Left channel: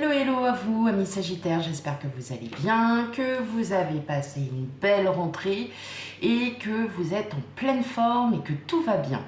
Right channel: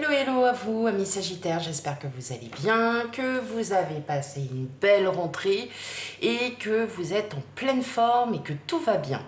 Hello, hello à vous, amis Sagittaires, j'espère que vous allez bien, que vous avez passé une belle rentrée et que vous êtes en pleine forme et que tout va bien.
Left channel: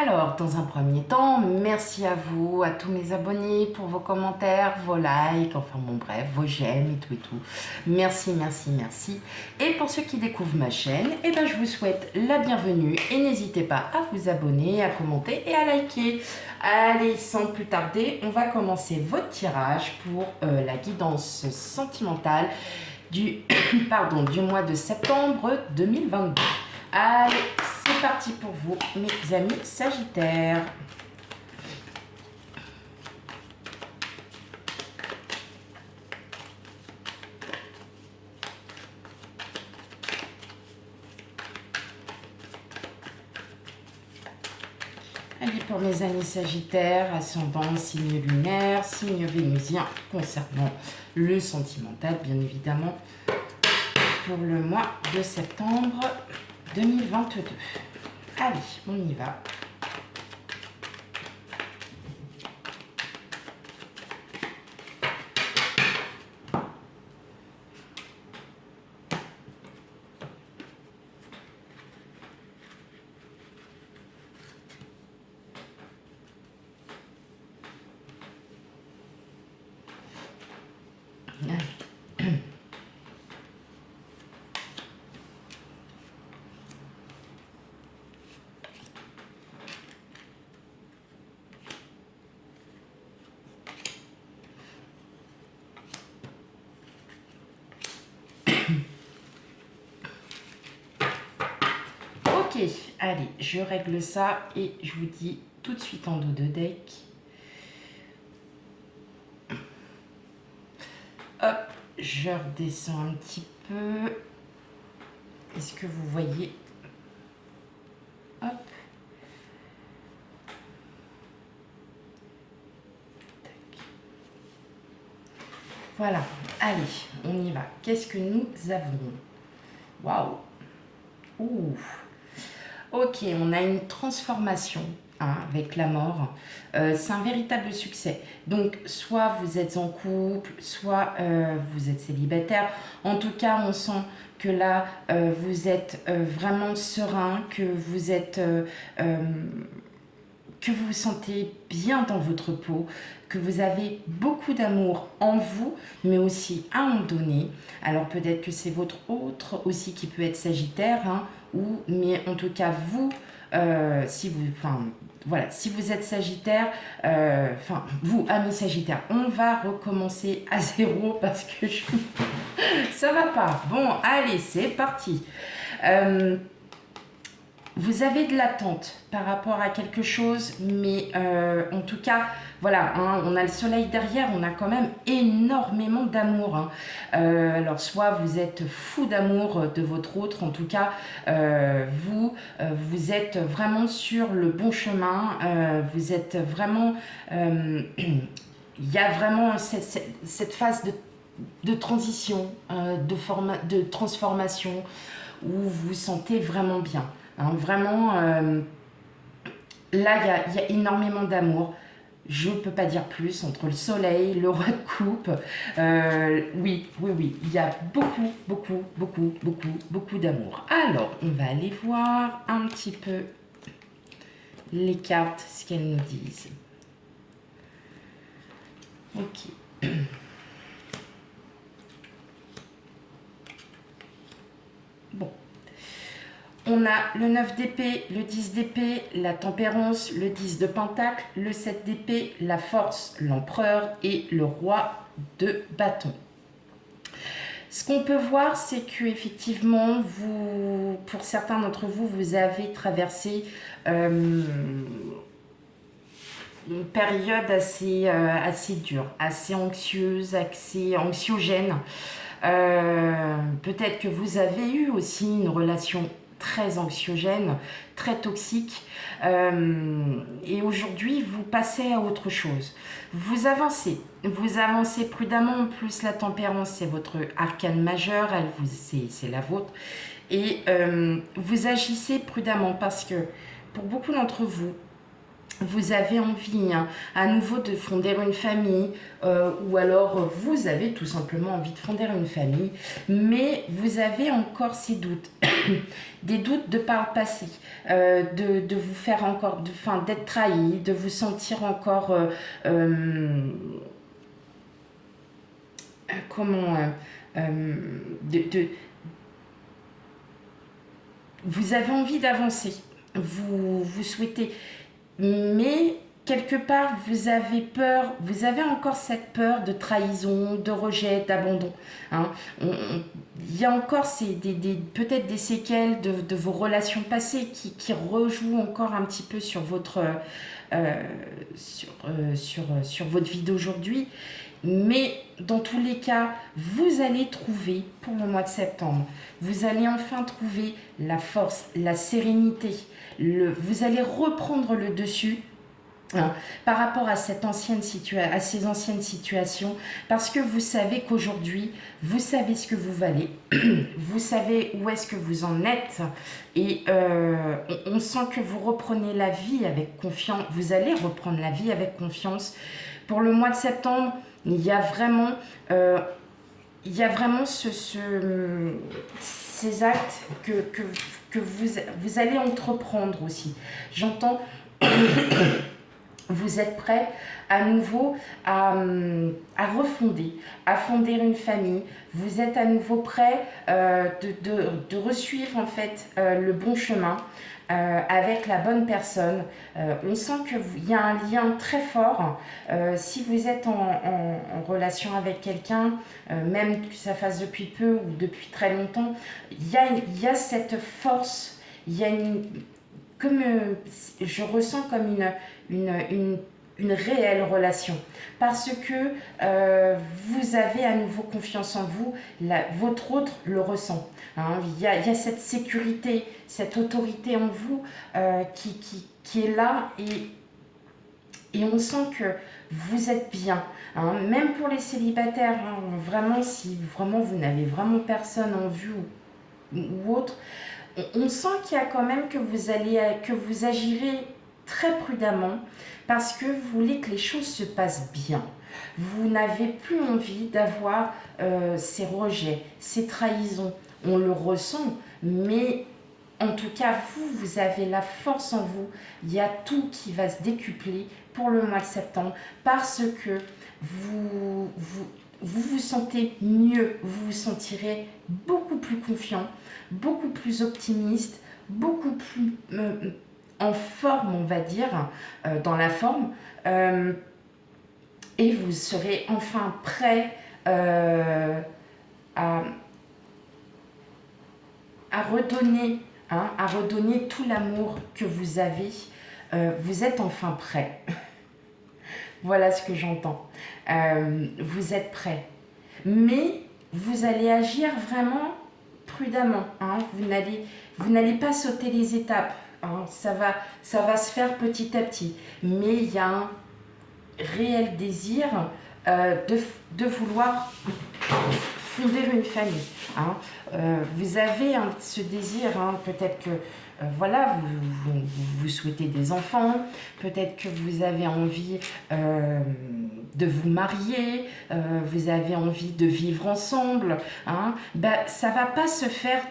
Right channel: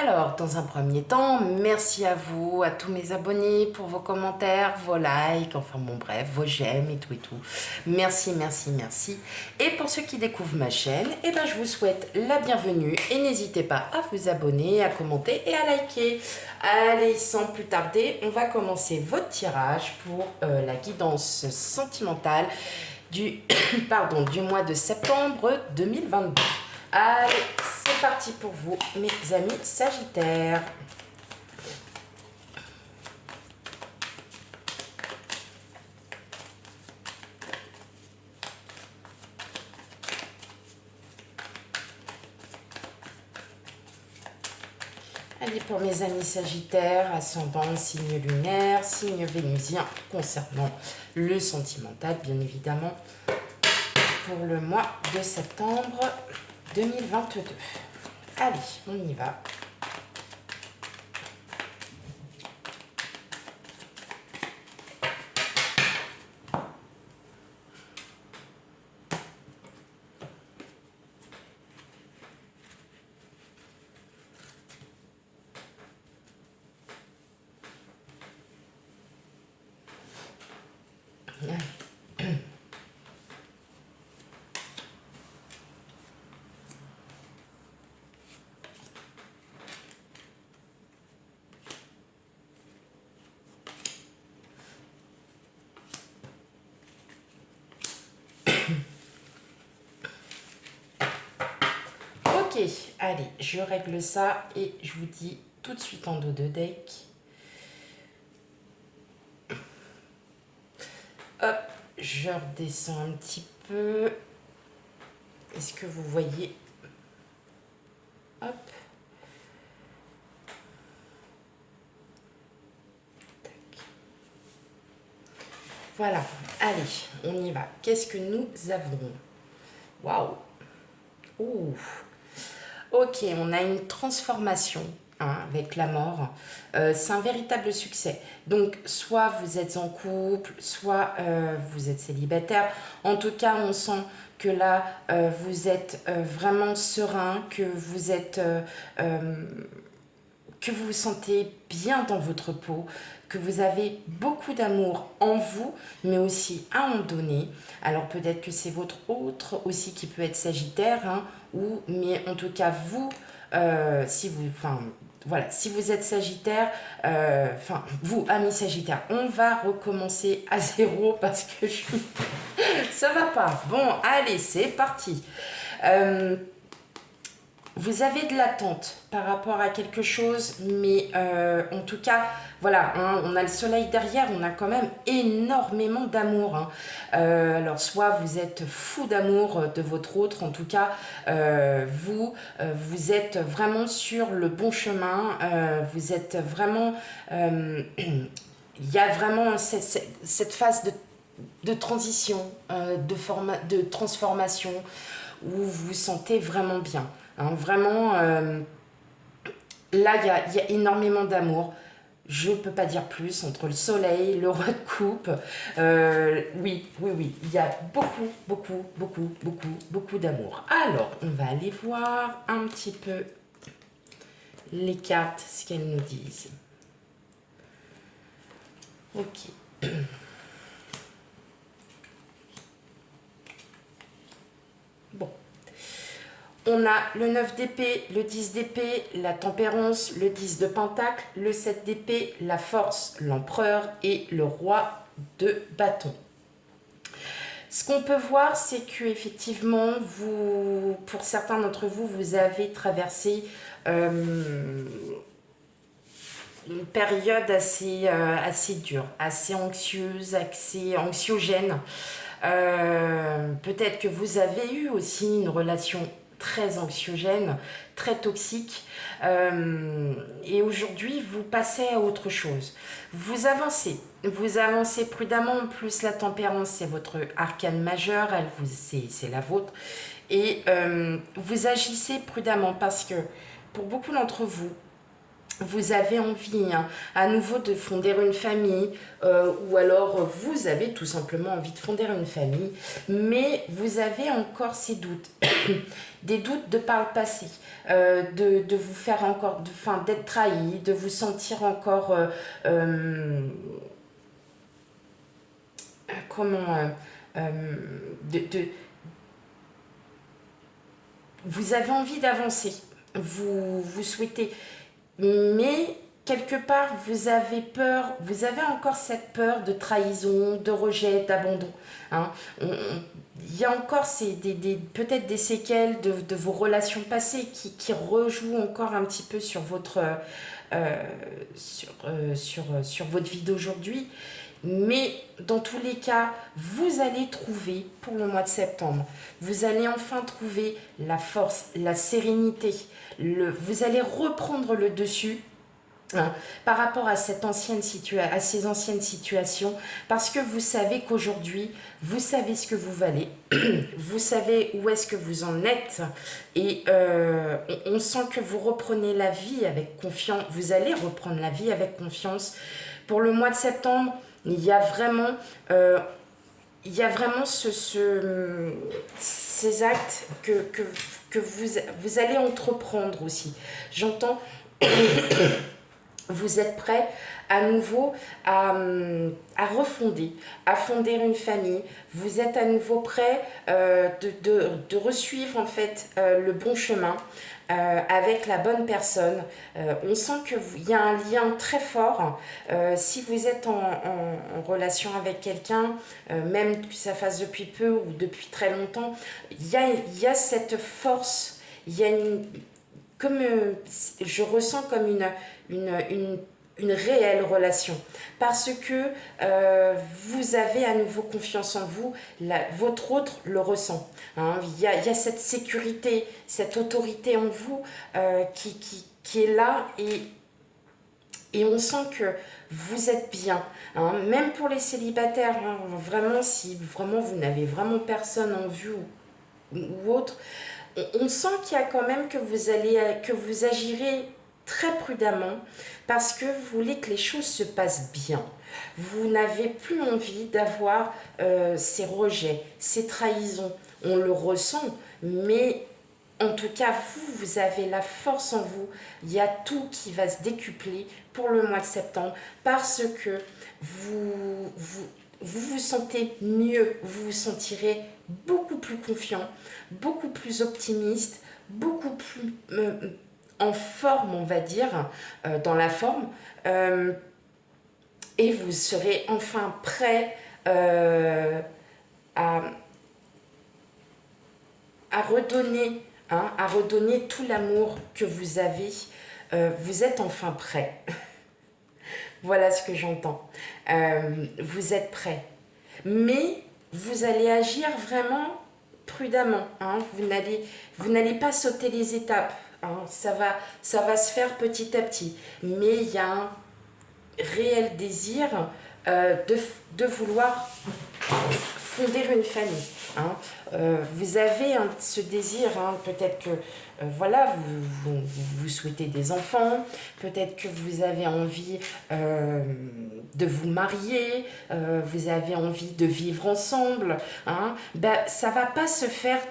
Alors, dans un premier temps, merci à vous, à tous mes abonnés pour vos commentaires, vos likes, enfin bon bref, vos j'aime et tout et tout. Merci, merci, merci. Et pour ceux qui découvrent ma chaîne, je vous souhaite la bienvenue et n'hésitez pas à vous abonner, à commenter et à liker. Allez, sans plus tarder, on va commencer votre tirage pour la guidance sentimentale du, du mois de septembre 2022. Allez, c'est parti pour vous, mes amis Sagittaires. Allez, pour mes amis Sagittaires, ascendant, signe lunaire, signe vénusien, concernant le sentimental, bien évidemment, pour le mois de septembre 2022. Allez, on y va. Ok, allez, je règle ça et je vous dis tout de suite en dos de deck. Hop, je redescends un petit peu. Est-ce que vous voyez? Hop. Tac. Voilà, allez, on y va. Qu'est-ce que nous avons? Waouh. Ouh. Ok, on a une transformation avec la mort. C'est un véritable succès. Donc, soit vous êtes en couple, soit vous êtes célibataire. En tout cas, on sent que là, vous êtes vraiment serein, que vous vous sentez bien dans votre peau, que vous avez beaucoup d'amour en vous, mais aussi à en donner. Alors peut-être que c'est votre autre aussi qui peut être Sagittaire, mais en tout cas vous, si vous êtes Sagittaire, vous amis Sagittaire, on va recommencer à zéro parce que ça va pas. Bon, allez, c'est parti. Vous avez de l'attente par rapport à quelque chose, mais en tout cas, voilà, on a le soleil derrière, on a quand même énormément d'amour. Alors, soit vous êtes fou d'amour de votre autre, en tout cas, vous êtes vraiment sur le bon chemin, vous êtes vraiment... il y a vraiment cette phase de transition, de transformation, où vous vous sentez vraiment bien. Vraiment, là, il y a énormément d'amour. Je ne peux pas dire plus, entre le soleil, le roi de coupe. Oui, il y a beaucoup d'amour. Alors, on va aller voir un petit peu les cartes, ce qu'elles nous disent. Ok. Bon. On a le 9 d'épée, le 10 d'épée, la tempérance, le 10 de pentacle, le 7 d'épée, la force, l'empereur et le roi de bâton. Ce qu'on peut voir, c'est que effectivement, pour certains d'entre vous, vous avez traversé une période assez dure, assez anxieuse, assez anxiogène. Peut-être que vous avez eu aussi une relation très anxiogène, très toxique, et aujourd'hui vous passez à autre chose. Vous avancez prudemment. En plus, la tempérance, c'est votre arcane majeur, c'est la vôtre, et vous agissez prudemment parce que pour beaucoup d'entre vous, vous avez envie à nouveau de fonder une famille, ou alors vous avez tout simplement envie de fonder une famille, mais vous avez encore ces doutes, des doutes de par le passé, de vous faire encore, d'être trahi, de vous sentir encore, comment, de, vous avez envie d'avancer, vous souhaitez, mais quelque part vous avez peur, vous avez encore cette peur de trahison, de rejet, d'abandon. Hein. Il y a encore peut-être des séquelles de vos relations passées qui rejouent encore un petit peu sur sur votre vie d'aujourd'hui. Mais dans tous les cas, vous allez trouver, pour le mois de septembre, vous allez enfin trouver la force, la sérénité. Vous allez reprendre le dessus, hein, par rapport à, à ces anciennes situations, parce que vous savez qu'aujourd'hui, vous savez ce que vous valez, vous savez où est-ce que vous en êtes, et on sent que vous reprenez la vie avec confiance, vous allez reprendre la vie avec confiance. Pour le mois de septembre, il y a vraiment, ces actes que vous allez entreprendre aussi. J'entends, vous êtes prêt à nouveau à refonder, à fonder une famille. Vous êtes à nouveau prêt de resuivre en fait le bon chemin. Avec la bonne personne. On sent qu'il y a un lien très fort. Si vous êtes en relation avec quelqu'un, même que ça fasse depuis peu ou depuis très longtemps, il y a cette force, il y a comme, je ressens comme une réelle relation, parce que vous avez à nouveau confiance en vous, votre autre le ressent. Hein. Il y a cette sécurité, cette autorité en vous qui est là, et on sent que vous êtes bien. Hein. Même pour les célibataires, hein, vraiment, si vraiment vous n'avez vraiment personne en vue ou autre, on sent qu'il y a quand même que vous agirez très prudemment, parce que vous voulez que les choses se passent bien. Vous n'avez plus envie d'avoir ces rejets, ces trahisons. On le ressent, mais en tout cas, vous avez la force en vous. Il y a tout qui va se décupler pour le mois de septembre, parce que vous sentez mieux, vous vous sentirez beaucoup plus confiant, beaucoup plus optimiste, beaucoup plus en forme, on va dire, dans la forme, et vous serez enfin prêt à redonner, hein, à redonner tout l'amour que vous avez. Vous êtes enfin prêt. Voilà ce que j'entends. Vous êtes prêt. Mais vous allez agir vraiment prudemment. Hein. Vous n'allez pas sauter les étapes. Hein. Ça va se faire petit à petit. Mais il y a un réel désir de vouloir fonder une famille. Hein. Vous avez ce désir, hein, peut-être que voilà, vous souhaitez des enfants, peut-être que vous avez envie de vous marier, vous avez envie de vivre ensemble. Hein. Ça ne va pas se faire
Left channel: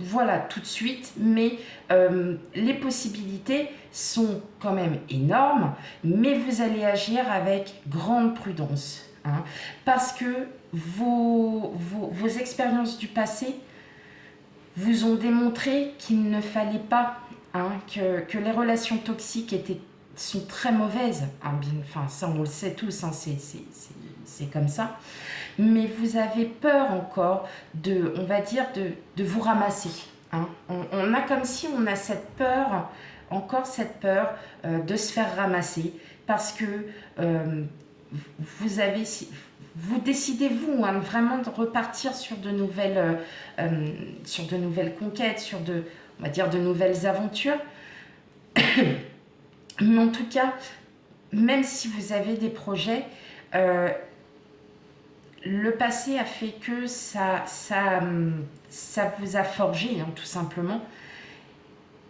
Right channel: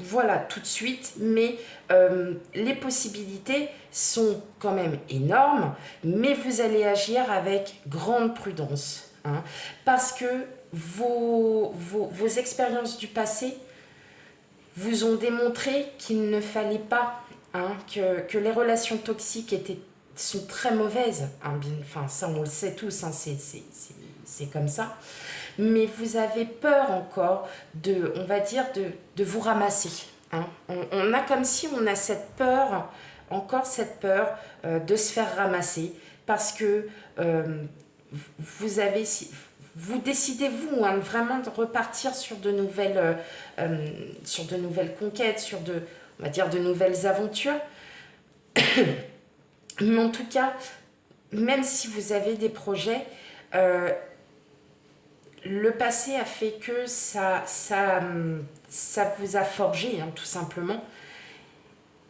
voilà, tout de suite, mais les possibilités sont quand même énormes, mais vous allez agir avec grande prudence. Hein, parce que vos expériences du passé vous ont démontré qu'il ne fallait pas, hein, que les relations toxiques sont très mauvaises. Hein, enfin, ça, on le sait tous, hein, c'est comme ça. Mais vous avez peur encore on va dire, de vous ramasser. Hein. On a comme si on a cette peur, encore cette peur de se faire ramasser, parce que vous décidez, vous, hein, vraiment de repartir sur de nouvelles conquêtes, on va dire, de nouvelles aventures. Mais en tout cas, même si vous avez des projets, le passé a fait que ça vous a forgé, hein, tout simplement,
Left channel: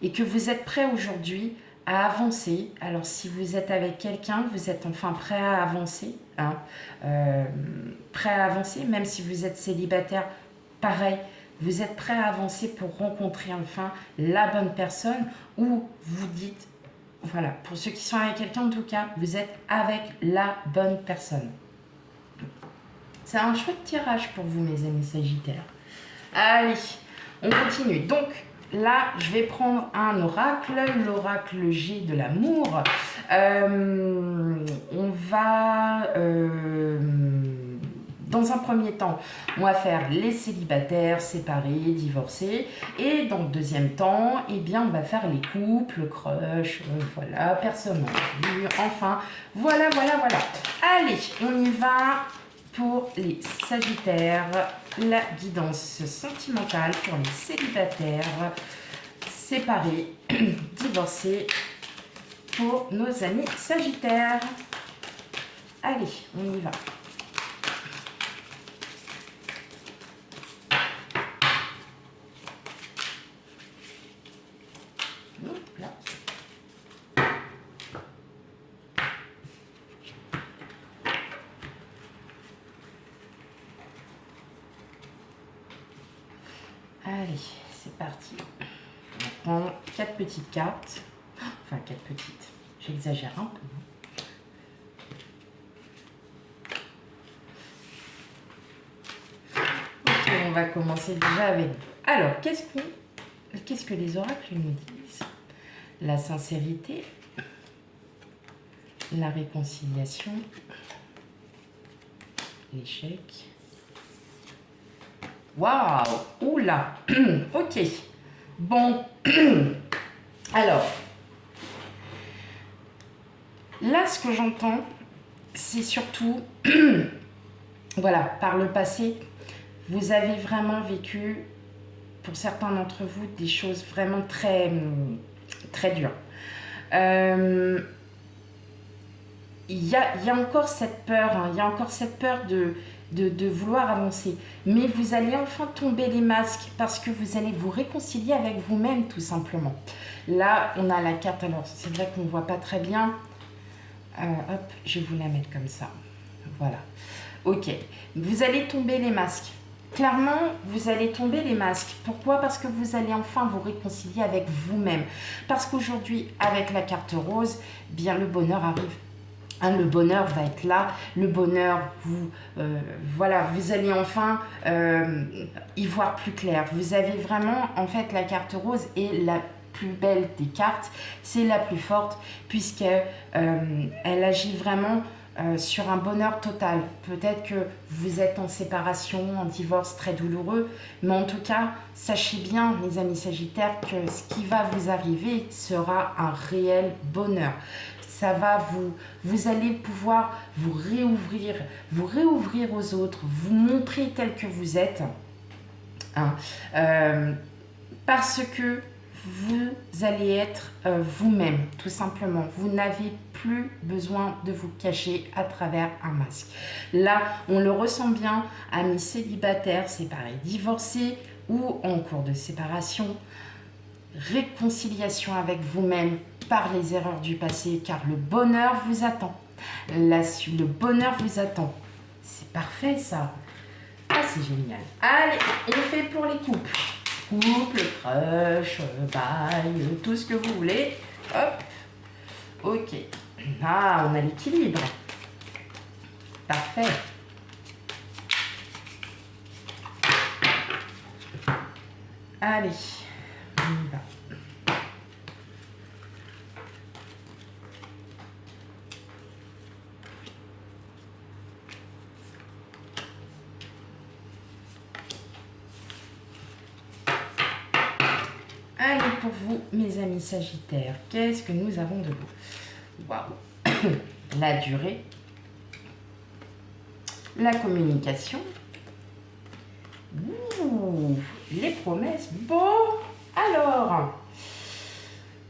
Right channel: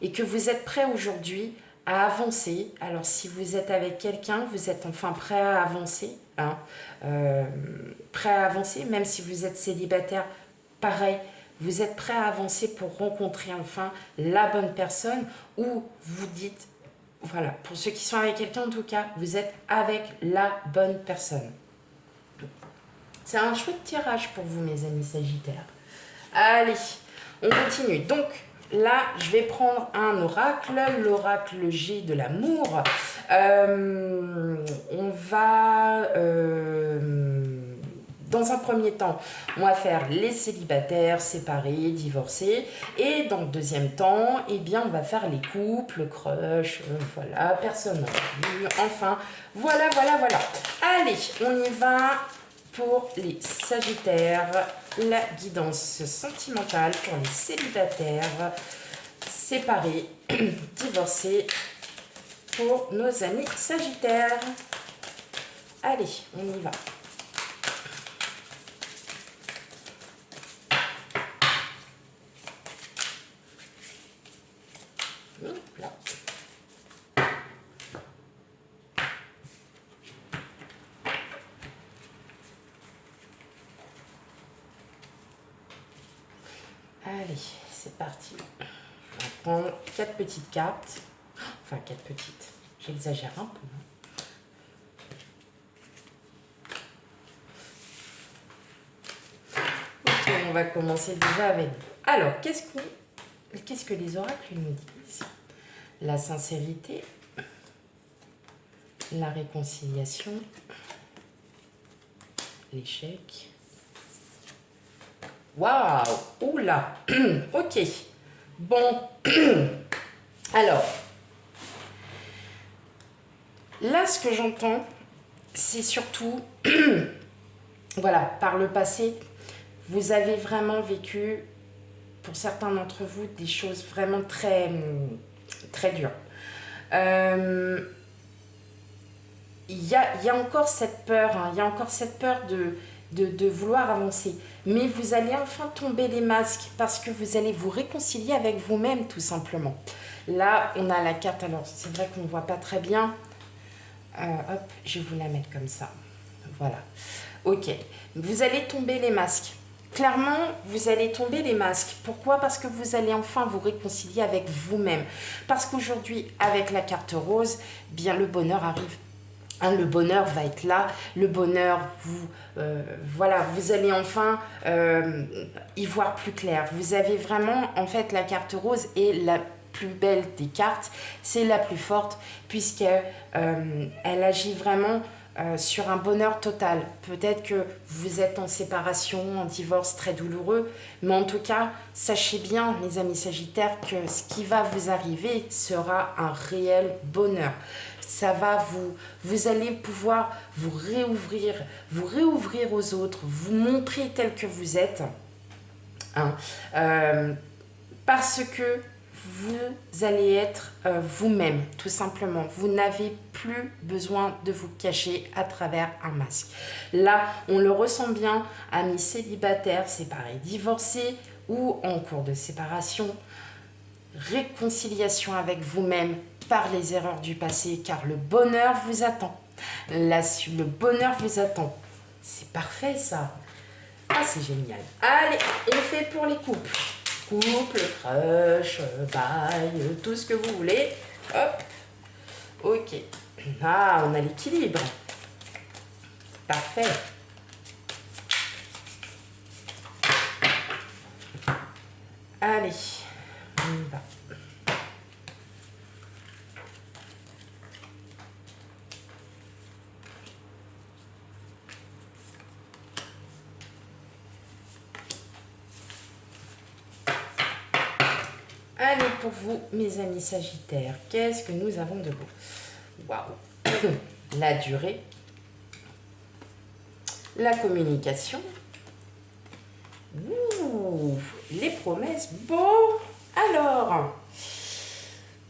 et que vous êtes prêt aujourd'hui à avancer. Alors, si vous êtes avec quelqu'un, vous êtes enfin prêt à avancer. Hein, prêt à avancer, même si vous êtes célibataire, pareil. Vous êtes prêt à avancer pour rencontrer enfin la bonne personne ou vous dites, voilà, pour ceux qui sont avec quelqu'un en tout cas, vous êtes avec la bonne personne. C'est un chouette tirage pour vous, mes amis Sagittaires. Allez, on continue. Donc, là, je vais prendre un oracle, l'oracle G de l'amour. On va, dans un premier temps, on va faire les célibataires, séparés, divorcés. Et dans le deuxième temps, eh bien, on va faire les couples, crush, voilà, personne non plus. Enfin, voilà. Allez, on y va pour les Sagittaires. La guidance sentimentale pour les célibataires, séparés, divorcés, pour nos amis Sagittaires. Allez, on y va. Là. Allez, c'est parti. On prend 4 petites cartes. Enfin, 4 petites. J'exagère un peu. Ok, on va commencer déjà avec... Alors, qu'est-ce que les oracles nous disent? La sincérité, la réconciliation, l'échec. Waouh! Oula! Ok. Bon. Alors, là, ce que j'entends, c'est surtout, voilà, par le passé, vous avez vraiment vécu, pour certains d'entre vous, des choses vraiment très, très dures. Il y a encore cette peur, hein, il y a encore cette peur de vouloir avancer. Mais vous allez enfin tomber les masques parce que vous allez vous réconcilier avec vous-même, tout simplement. Là, on a la carte, alors c'est vrai qu'on ne voit pas très bien. Hop, je vais vous la mettre comme ça. Voilà. Ok. Vous allez tomber les masques. Clairement, vous allez tomber les masques. Pourquoi? Parce que vous allez enfin vous réconcilier avec vous-même. Parce qu'aujourd'hui, avec la carte rose, bien le bonheur arrive. Hein, le bonheur va être là, le bonheur, voilà, vous allez enfin y voir plus clair. Vous avez vraiment, en fait, la carte rose est la plus belle des cartes, c'est la plus forte, puisqu'elle elle agit vraiment sur un bonheur total. Peut-être que vous êtes en séparation, en divorce très douloureux, mais en tout cas, sachez bien, mes amis Sagittaires, que ce qui va vous arriver sera un réel bonheur. Ça va vous allez pouvoir vous réouvrir aux autres, vous montrer tel que vous êtes, hein, parce que vous allez être vous-même, tout simplement. Vous n'avez plus besoin de vous cacher à travers un masque. Là, on le ressent bien, amis célibataires, séparés, divorcés ou en cours de séparation. Réconciliation avec vous-même par les erreurs du passé, car le bonheur vous attend. Le bonheur vous attend. C'est parfait, ça. Ah, c'est génial. Allez, on fait pour les couples. Couple, crush, bail, tout ce que vous voulez. Hop. Ok. Ah, on a l'équilibre. Parfait. Allez, on y va. Allez, pour vous, mes amis Sagittaires, qu'est-ce que nous avons de beau? Waouh! La durée, la communication, ouh, les promesses. Bon, alors,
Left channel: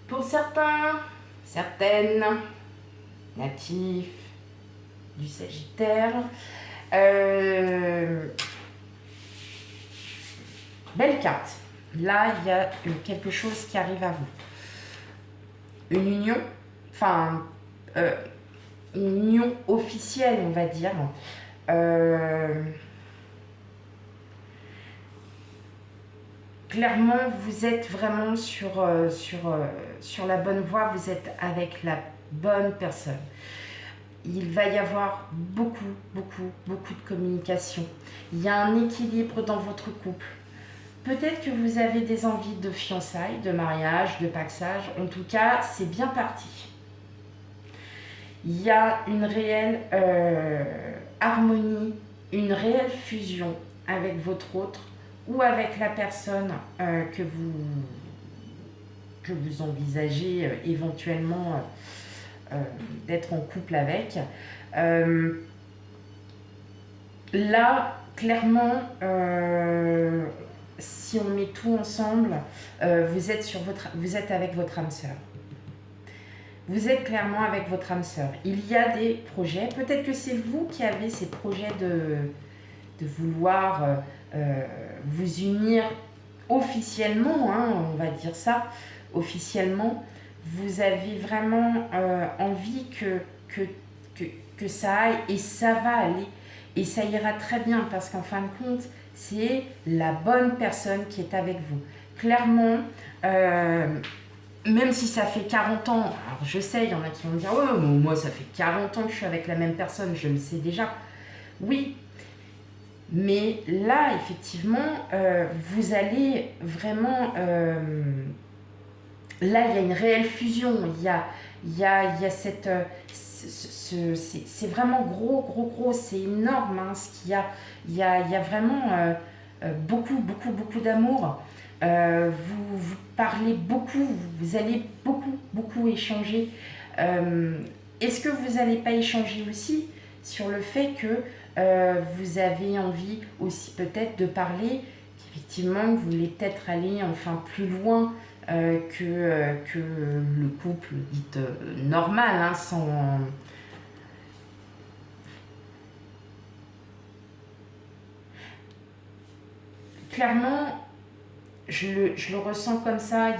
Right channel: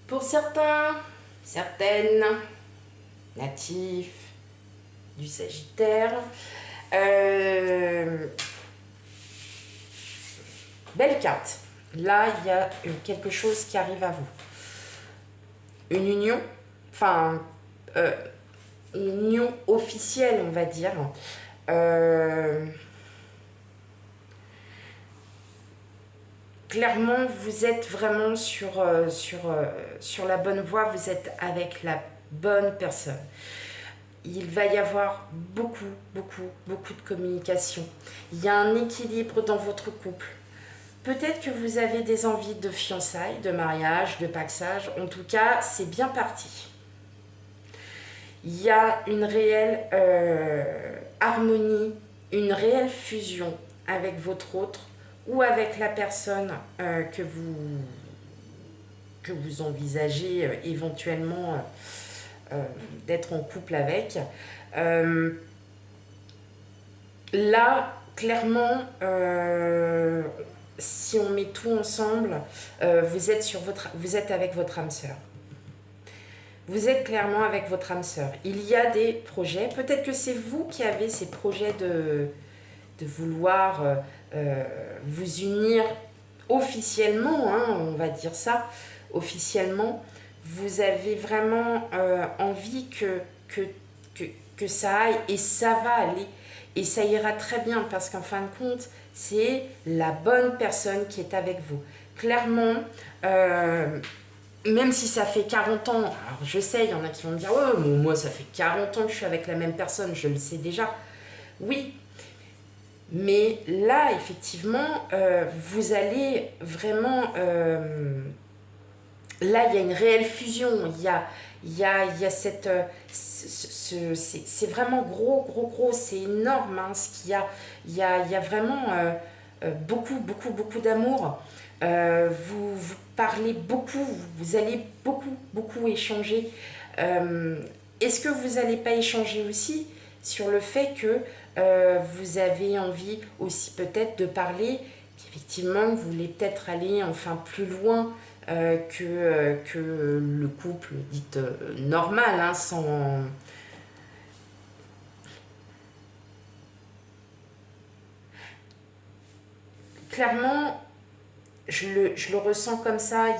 pour certains, certaines, natifs du Sagittaire, belle carte. Là, il y a quelque chose qui arrive à vous. une union, enfin, une union officielle, on va dire. Clairement, vous êtes vraiment sur la bonne voie, vous êtes avec la bonne personne. Il va y avoir beaucoup, beaucoup, beaucoup de communication. Il y a un équilibre dans votre couple. Peut-être que vous avez des envies de fiançailles, de mariage, de paxage. En tout cas, c'est bien parti. Il y a une réelle harmonie, une réelle fusion avec votre autre ou avec la personne que vous envisagez éventuellement d'être en couple avec. Là, clairement, si on met tout ensemble, vous êtes avec votre âme sœur. Vous êtes clairement avec votre âme sœur. Il y a des projets, peut-être que c'est vous qui avez ces projets de vouloir vous unir officiellement, hein, on va dire ça, officiellement. Vous avez vraiment envie que ça aille, et ça va aller. Et ça ira très bien parce qu'en fin de compte, c'est la bonne personne qui est avec vous. Clairement, même si ça fait 40 ans, alors je sais, il y en a qui vont me dire « Ouais, moi ça fait 40 ans que je suis avec la même personne, je le sais déjà. » Oui, mais là, effectivement, vous allez vraiment... là, il y a une réelle fusion. Il y a cette... c'est vraiment gros. C'est énorme. Hein, ce qu'il y a. Il y a vraiment beaucoup, beaucoup, beaucoup d'amour. Vous parlez beaucoup. Vous allez beaucoup, beaucoup échanger. Est-ce que vous n'allez pas échanger aussi sur le fait que vous avez envie aussi peut-être de parler, qu'effectivement, vous voulez peut-être aller enfin plus loin que le couple dit normal, hein, sans... Clairement, je le ressens comme ça,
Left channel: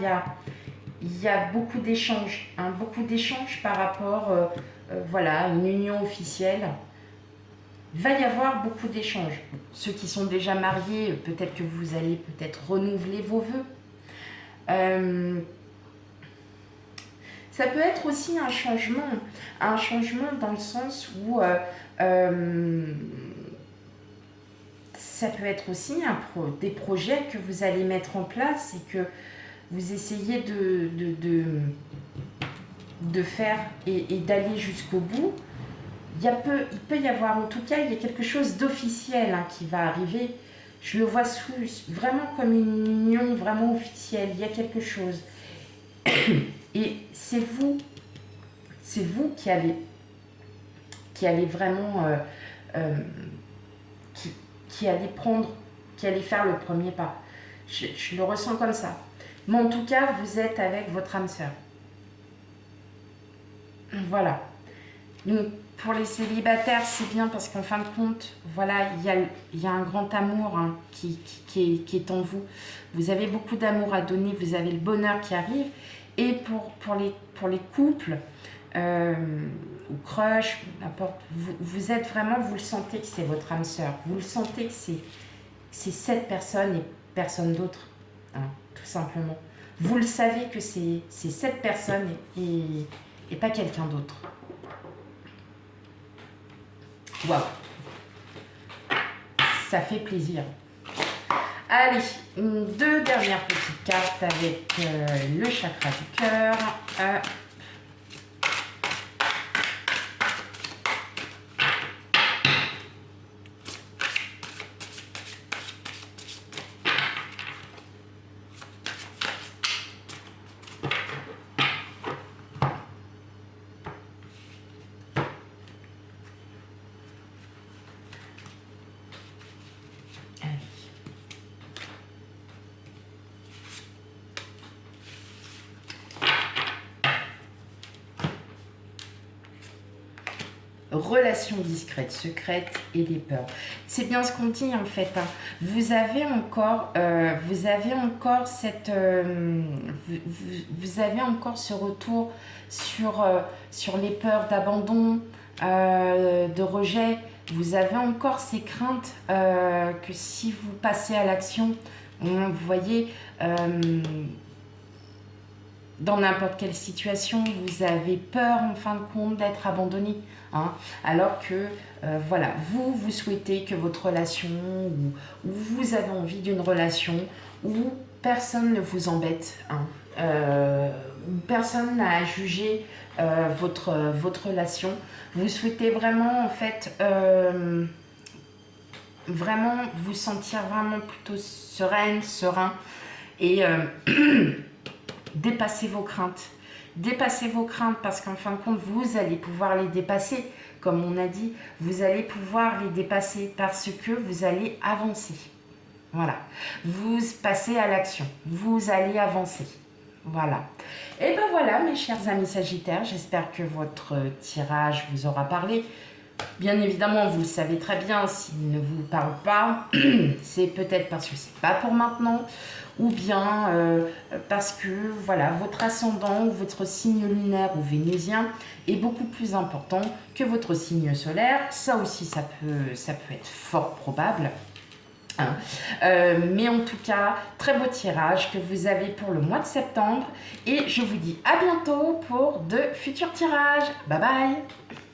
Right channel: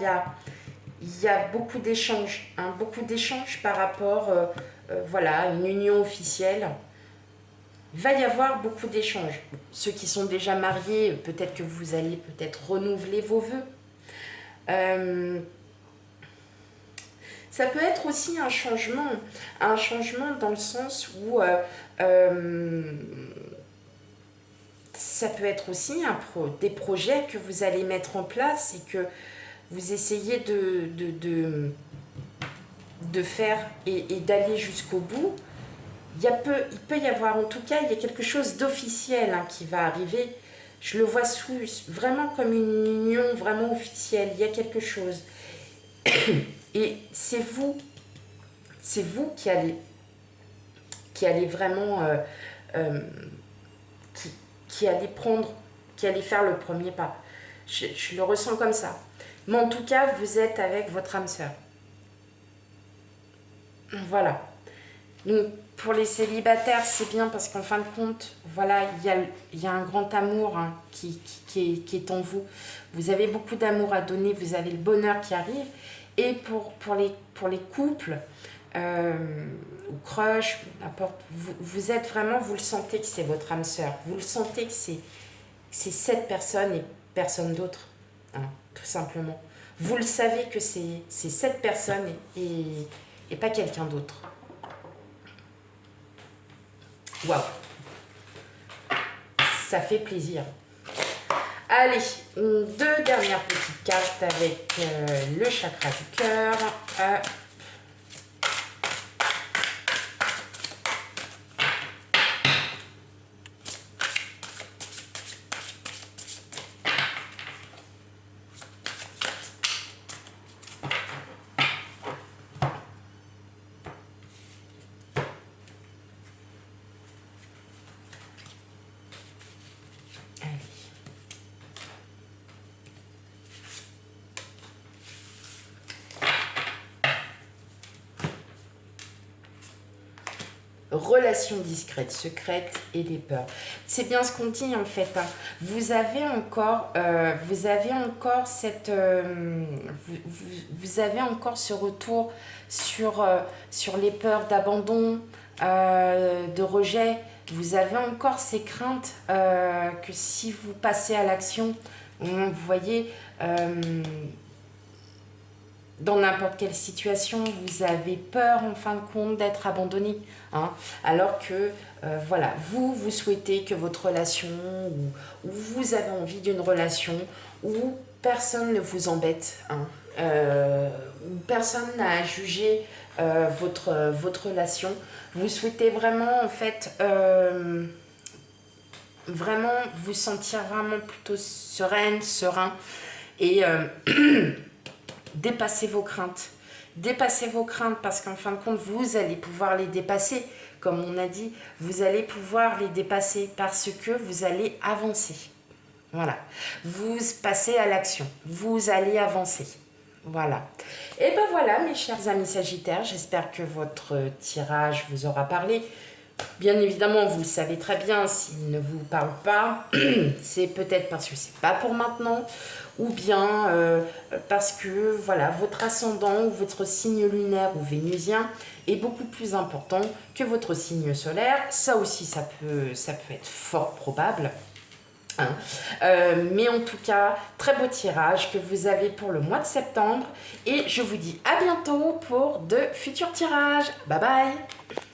il y a beaucoup d'échanges, hein, beaucoup d'échanges par rapport voilà, à une union officielle. Il va y avoir beaucoup d'échanges. Ceux qui sont déjà mariés, peut-être que vous allez peut-être renouveler vos vœux. Ça peut être aussi un changement dans le sens où ça peut être aussi des projets que vous allez mettre en place et que vous essayez de faire et d'aller jusqu'au bout. Il peut y avoir, en tout cas, il y a quelque chose d'officiel hein, qui va arriver. Je le vois vraiment comme une union vraiment officielle. Il y a quelque chose. Et c'est vous qui allez vraiment, qui allez faire le premier pas. Je le ressens comme ça. Mais en tout cas, vous êtes avec votre âme sœur. Voilà. Donc, pour les célibataires, c'est bien parce qu'en fin de compte, voilà, il y a un grand amour hein, qui est en vous. Vous avez beaucoup d'amour à donner, vous avez le bonheur qui arrive. Et pour les couples, ou crush, n'importe, vous êtes vraiment, vous le sentez que c'est votre âme sœur. Vous le sentez que c'est cette personne et personne d'autre, hein, tout simplement. Vous le savez que c'est cette personne et pas quelqu'un d'autre. Waouh, ça fait plaisir. Allez, deux dernières petites cartes avec le chakra du cœur. relations discrètes, secrètes et des peurs. C'est bien ce qu'on dit en fait, hein. Vous avez encore vous avez encore ce retour sur les peurs d'abandon, de rejet. Vous avez encore ces craintes que si vous passez à l'action, vous voyez, dans n'importe quelle situation, vous avez peur en fin de compte d'être abandonné, hein, alors que voilà, vous souhaitez que votre relation, ou vous avez envie d'une relation où personne ne vous embête, hein, où personne n'a à juger votre relation. Vous souhaitez vraiment en fait vraiment vous sentir vraiment plutôt sereine, serein et dépasser vos craintes. Dépassez vos craintes parce qu'en fin de compte, vous allez pouvoir les dépasser. Comme on a dit, vous allez pouvoir les dépasser parce que vous allez avancer. Voilà. Vous passez à l'action. Vous allez avancer. Voilà. Et ben voilà, mes chers amis Sagittaires, j'espère que votre tirage vous aura parlé. Bien évidemment, vous le savez très bien, s'il ne vous parle pas, c'est peut-être parce que c'est pas pour maintenant, ou bien parce que voilà, votre ascendant ou votre signe lunaire ou vénusien est beaucoup plus important que votre signe solaire. Ça aussi, ça peut être fort probable. Hein. Mais en tout cas, très beau tirage que vous avez pour le mois de septembre. Et je vous dis à bientôt pour de futurs tirages. Bye bye!